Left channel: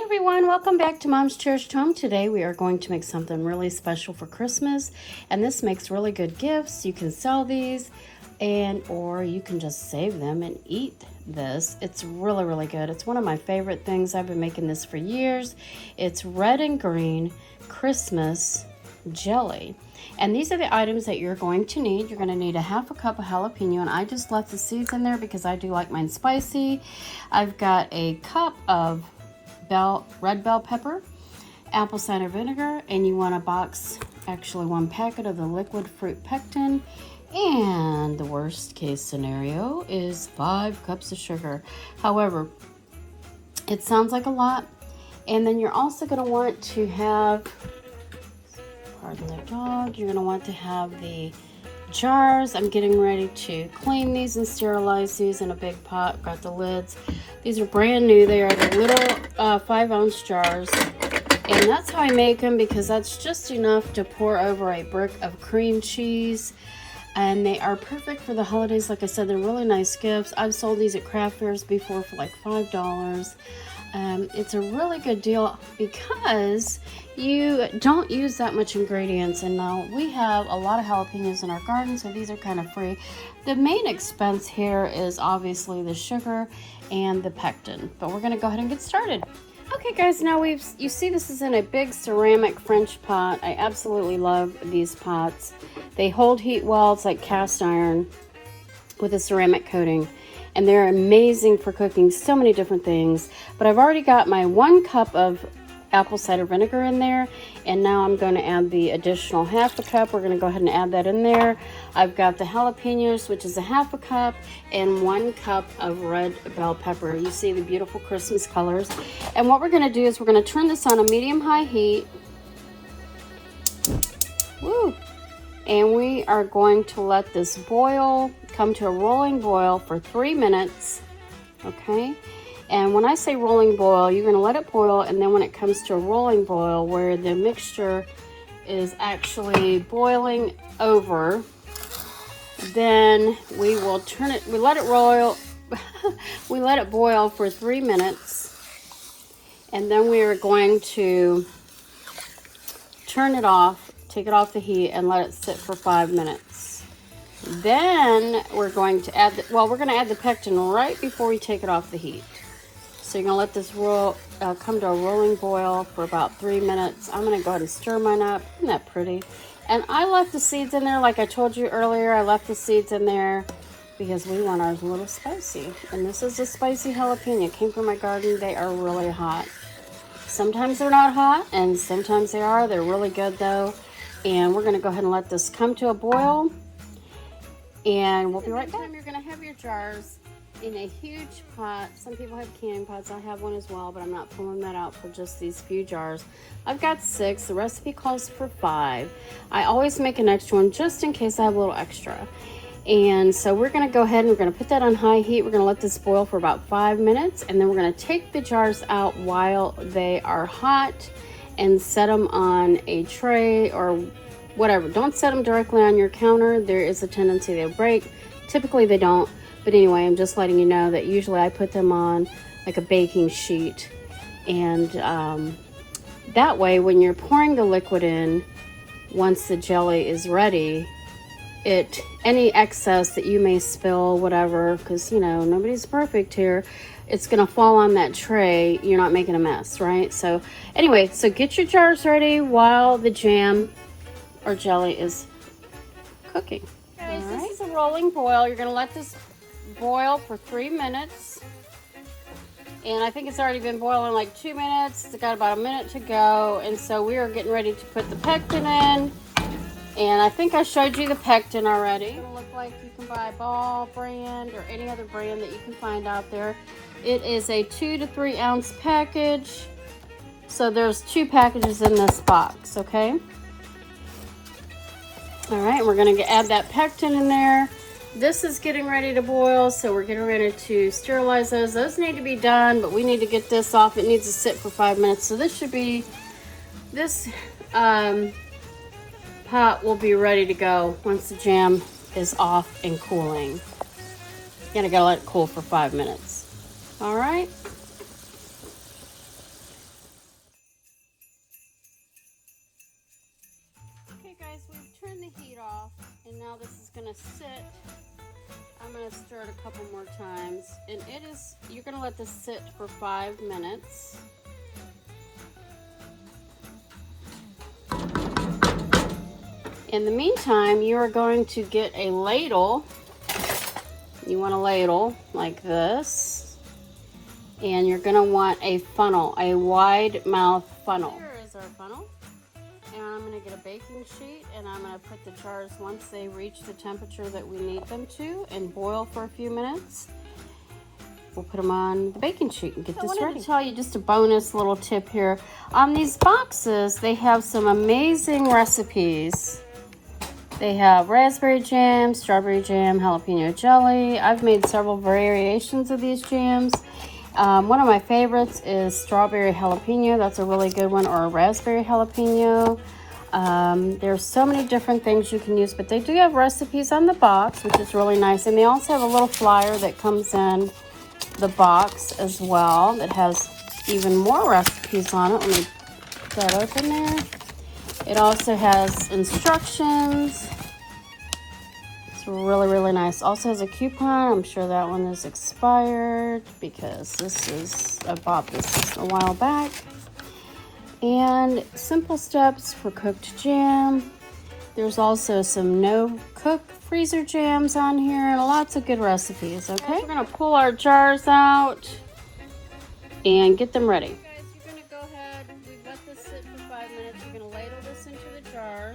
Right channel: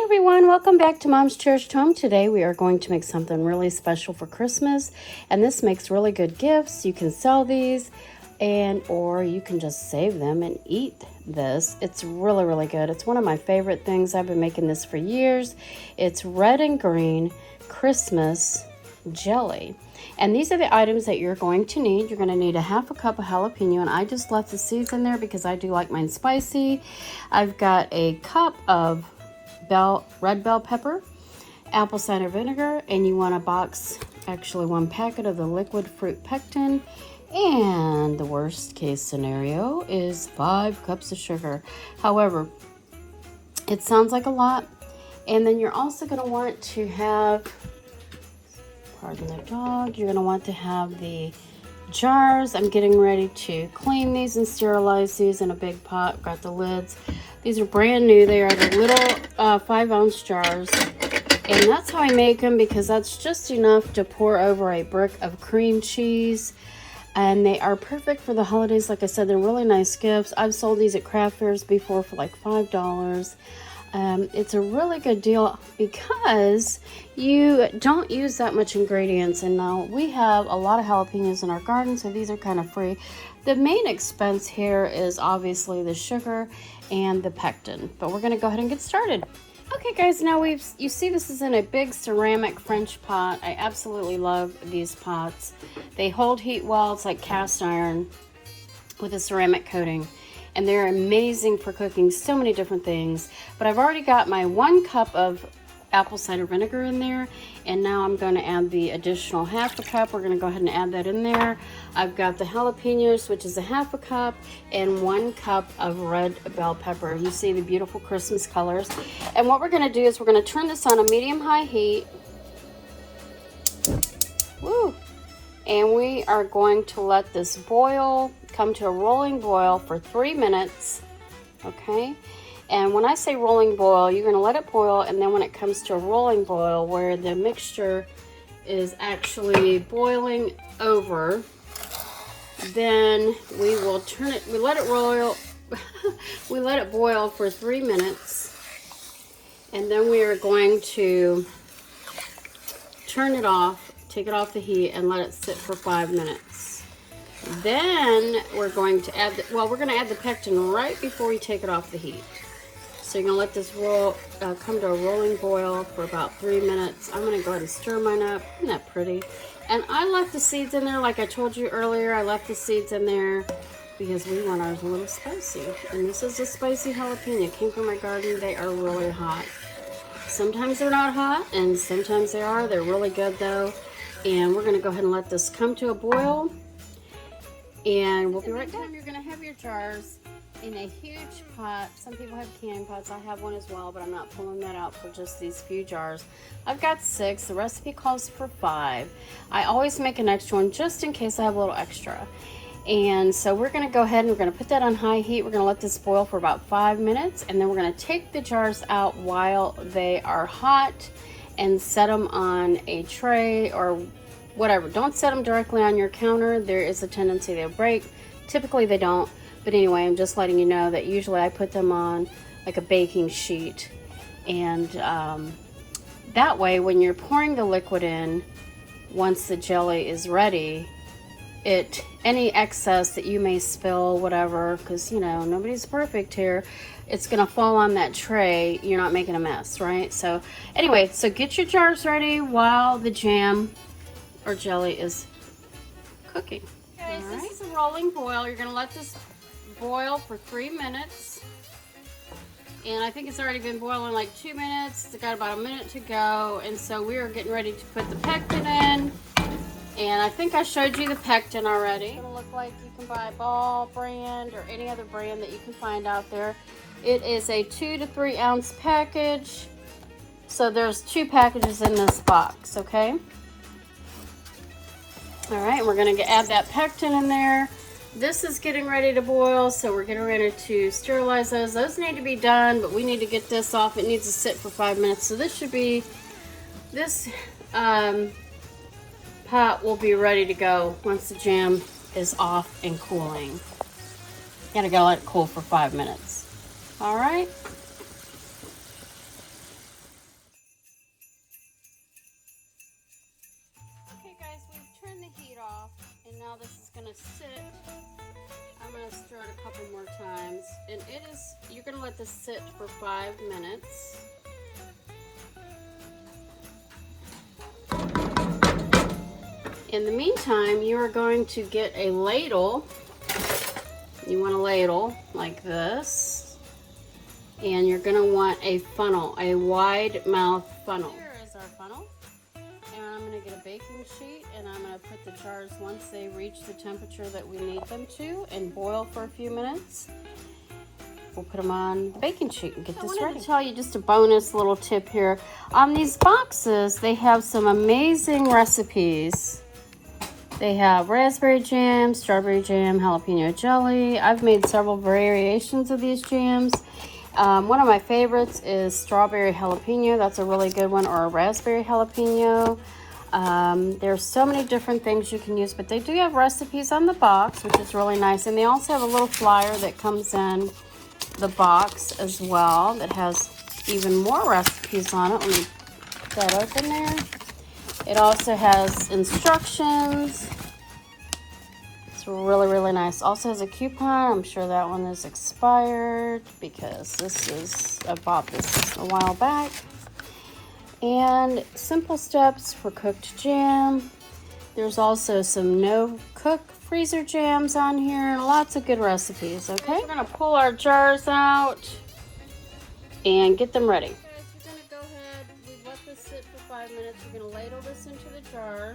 Hey everyone, welcome back to Mom's Cherished Home. Today we are going to make something really special for Christmas, and this makes really good gifts. You can sell these or you can just save them and eat this. It's really good. It's one of my favorite things. I've been making this for years. It's red and green Christmas jelly. And these are the items that you're going to need. You're going to need a half a cup of jalapeno, and I just left the seeds in there because I do like mine spicy. I've got a cup of red bell pepper, apple cider vinegar, and you want a box, actually one packet of the liquid fruit pectin. And the worst case scenario is 5 cups of sugar. However, it sounds like a lot. And then you're also going to want to have, pardon the dog, you're going to want to have the jars. I'm getting ready to clean these and sterilize these in a big pot. Got the lids. These are brand new. They are the little 5-ounce jars. And that's how I make them, because that's just enough to pour over a brick of cream cheese. And they are perfect for the holidays. Like I said, they're really nice gifts. I've sold these at craft fairs before for like $5. It's a really good deal because you don't use that much ingredients. And now we have a lot of jalapenos in our garden, so these are kind of free. The main expense here is obviously the sugar and the pectin, but we're going to go ahead and get started. Okay guys, now you see this is in a big ceramic French pot. I absolutely love these pots. They hold heat well. It's like cast iron with a ceramic coating, and they're amazing for cooking so many different things. But I've already got my 1 cup of apple cider vinegar in there, and now I'm going to add the additional half a cup. We're going to go ahead and add that in there. I've got the jalapenos, which is a half a cup, and 1 cup of red bell pepper. You see the beautiful Christmas colors. And what we're going to do is we're going to turn this on a medium-high heat. And we are going to let this boil, come to a rolling boil for 3 minutes. Okay? And when I say rolling boil, you're going to let it boil, and then when it comes to a rolling boil where the mixture is actually boiling over, then we will turn it, we let it boil for 3 minutes, and then we are going to turn it off, take it off the heat, and let it sit for 5 minutes. Then we're going to add, we're going to add the pectin right before we take it off the heat. So you're going to let this come to a rolling boil for about 3 minutes. I'm going to go ahead and stir mine up. Isn't that pretty? And I left the seeds in there, like I told you earlier. I left the seeds in there because we want ours a little spicy. And this is a spicy jalapeno. It came from my garden. They are really hot. Sometimes they're not hot, and sometimes they are. They're really good, though. And we're going to go ahead and let this come to a boil. And we'll be right back. You're going to have your jars in a huge pot. Some people have canning pots. I have one as well, but I'm not pulling that out for just these few jars. I've got 6. The recipe calls for 5. I always make an extra one just in case I have a little extra. And so we're going to go ahead and we're going to put that on high heat. We're going to let this boil for about 5 minutes, and then we're going to take the jars out while they are hot and set them on a tray or whatever. Don't set them directly on your counter. There is a tendency they'll break. Typically they don't. But anyway, I'm just letting you know that usually I put them on like a baking sheet. And that way, when you're pouring the liquid in, once the jelly is ready, any excess that you may spill, whatever, because, you know, nobody's perfect here, it's going to fall on that tray. You're not making a mess, right? So anyway, so get your jars ready while the jam or jelly is cooking. Okay, all right. This is a rolling boil. You're going to let this boil for 3 minutes, and I think it's already been boiling like 2 minutes. It's got about a minute to go, and so we are getting ready to put the pectin in. And I think I showed you the pectin already. It'll look like you can buy Ball brand or any other brand that you can find out there. It is a 2 to 3 ounce package, so there's 2 packages in this box. Okay, all right, we're going to add that pectin in there. This is getting ready to boil, so we're getting ready to sterilize those. Those need to be done, but we need to get this off. It needs to sit for 5 minutes. So this pot will be ready to go once the jam is off and cooling. You gotta let it cool for 5 minutes. All right. gonna sit. I'm gonna stir it a couple more times, and you're gonna let this sit for 5 minutes. In the meantime, you are going to get a ladle. You want a ladle like this, and you're gonna want a funnel, a wide mouth funnel. Here is our funnel, and I'm gonna get a baking sheet, and I'm gonna put the jars once they reach the temperature that we need them to, and boil for a few minutes. We'll put them on the baking sheet and get this ready. I want to tell you just a bonus little tip here. On these boxes, they have some amazing recipes. They have raspberry jam, strawberry jam, jalapeno jelly. I've made several variations of these jams. One of my favorites is strawberry jalapeno. That's a really good one, or a raspberry jalapeno. There's so many different things you can use, but they do have recipes on the box, which is really nice. And they also have a little flyer that comes in the box as well that has even more recipes on it. Let me put that open there. It also has instructions. It's really, really nice. Also has a coupon. I'm sure that one is expired because I bought this a while back. And simple steps for cooked jam. There's also some no-cook freezer jams on here. Lots of good recipes, okay? We're gonna pull our jars out and get them ready. Go ahead, let this sit for 5 minutes. We're gonna ladle this into the jar.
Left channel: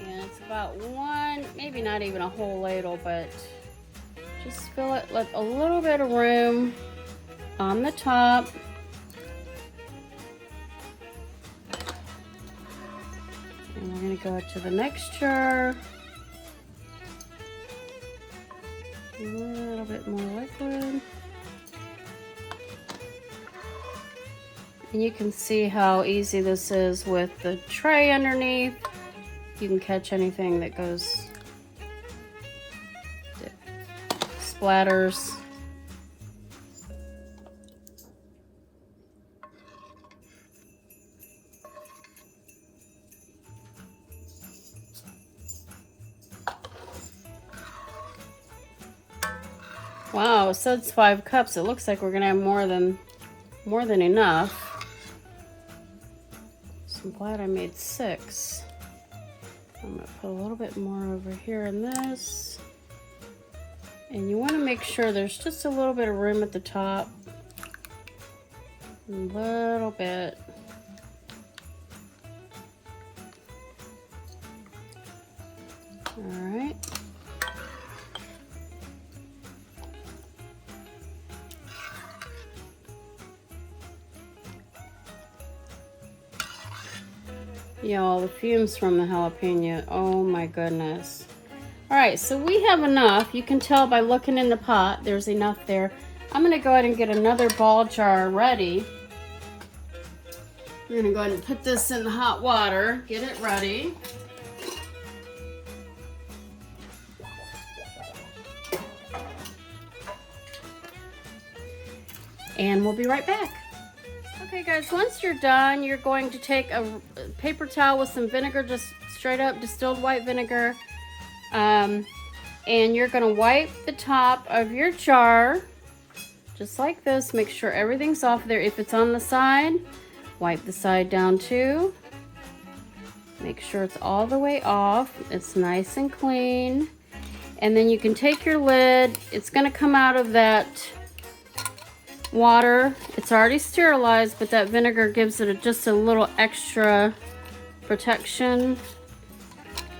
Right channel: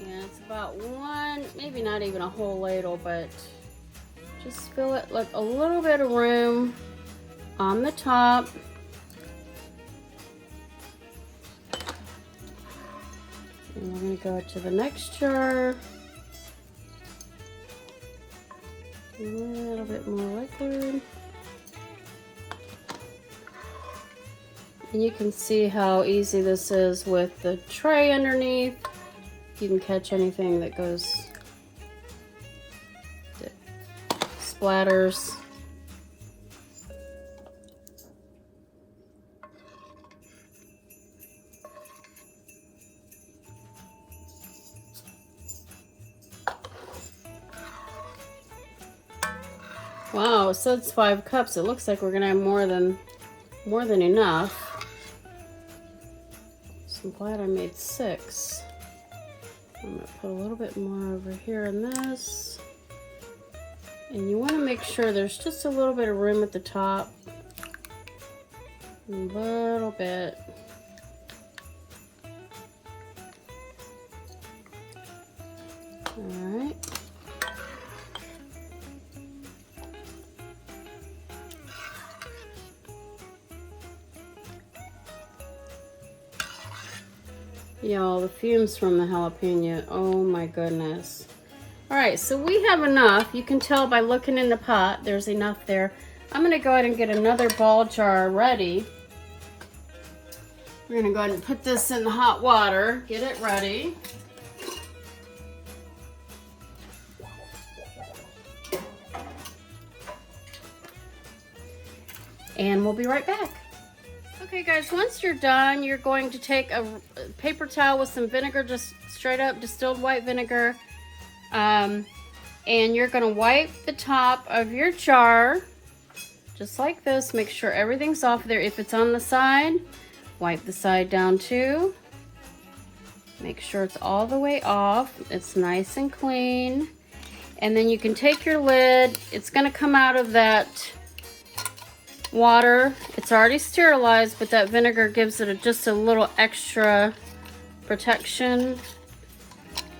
And it's about one, maybe not even a whole ladle, but just fill it with a little bit of room on the top. And we're gonna go to the next jar. A little bit more liquid. And you can see how easy this is with the tray underneath. You can catch anything that splatters. Wow, it says 5 cups. It looks like we're gonna have more than enough. So I'm glad I made 6. I'm gonna put a little bit more over here in this. And you wanna make sure there's just a little bit of room at the top. A little bit. All right. Y'all, the fumes from the jalapeno, oh my goodness. All right, so we have enough. You can tell by looking in the pot, there's enough there. I'm gonna go ahead and get another ball jar ready. We're gonna go ahead and put this in the hot water, get it ready. And we'll be right back. Okay guys, once you're done, you're going to take a paper towel with some vinegar, just straight up distilled white vinegar, and you're going to wipe the top of your jar just like this. Make sure everything's off there. If it's on the side, wipe the side down too. Make sure it's all the way off. It's nice and clean. And then you can take your lid. It's going to come out of that water. It's already sterilized, but that vinegar gives it just a little extra protection.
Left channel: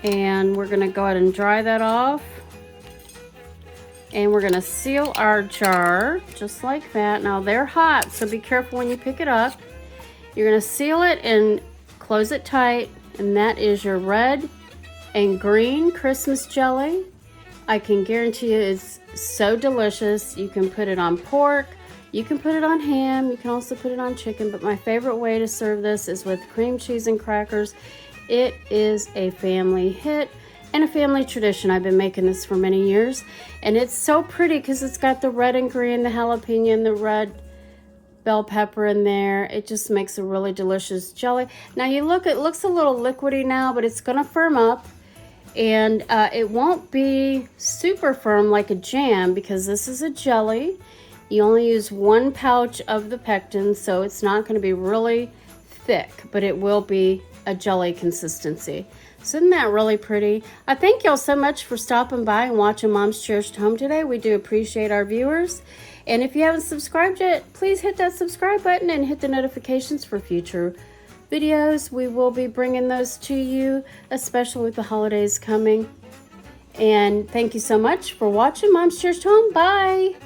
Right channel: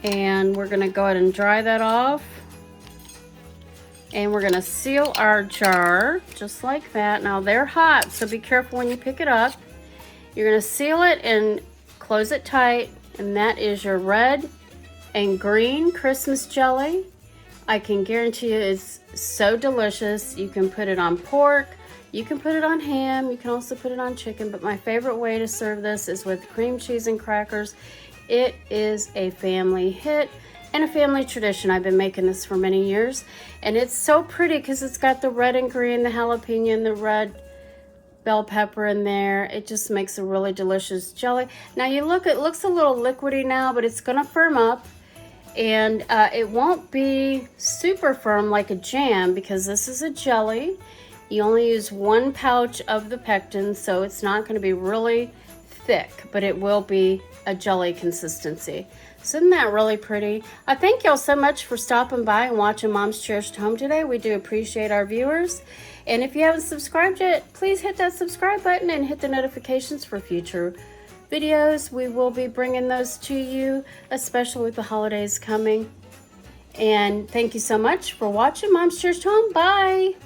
And we're going to go ahead and dry that off. And we're going to seal our jar just like that. Now they're hot, so be careful when you pick it up. You're going to seal it and close it tight. And that is your red and green Christmas jelly. I can guarantee you it's so delicious. You can put it on pork. You can put it on ham, you can also put it on chicken, but my favorite way to serve this is with cream cheese and crackers. It is a family hit and a family tradition. I've been making this for many years, and it's so pretty because it's got the red and green, the jalapeno and the red bell pepper in there. It just makes a really delicious jelly. Now you look, it looks a little liquidy now, but it's gonna firm up. And it won't be super firm like a jam because this is a jelly. You only use 1 pouch of the pectin, so it's not going to be really thick, but it will be a jelly consistency. So isn't that really pretty? I thank y'all so much for stopping by and watching Mom's Cherished Home today. We do appreciate our viewers. And if you haven't subscribed yet, please hit that subscribe button and hit the notifications for future videos. We will be bringing those to you, especially with the holidays coming. And thank you so much for watching Mom's Cherished Home. Bye!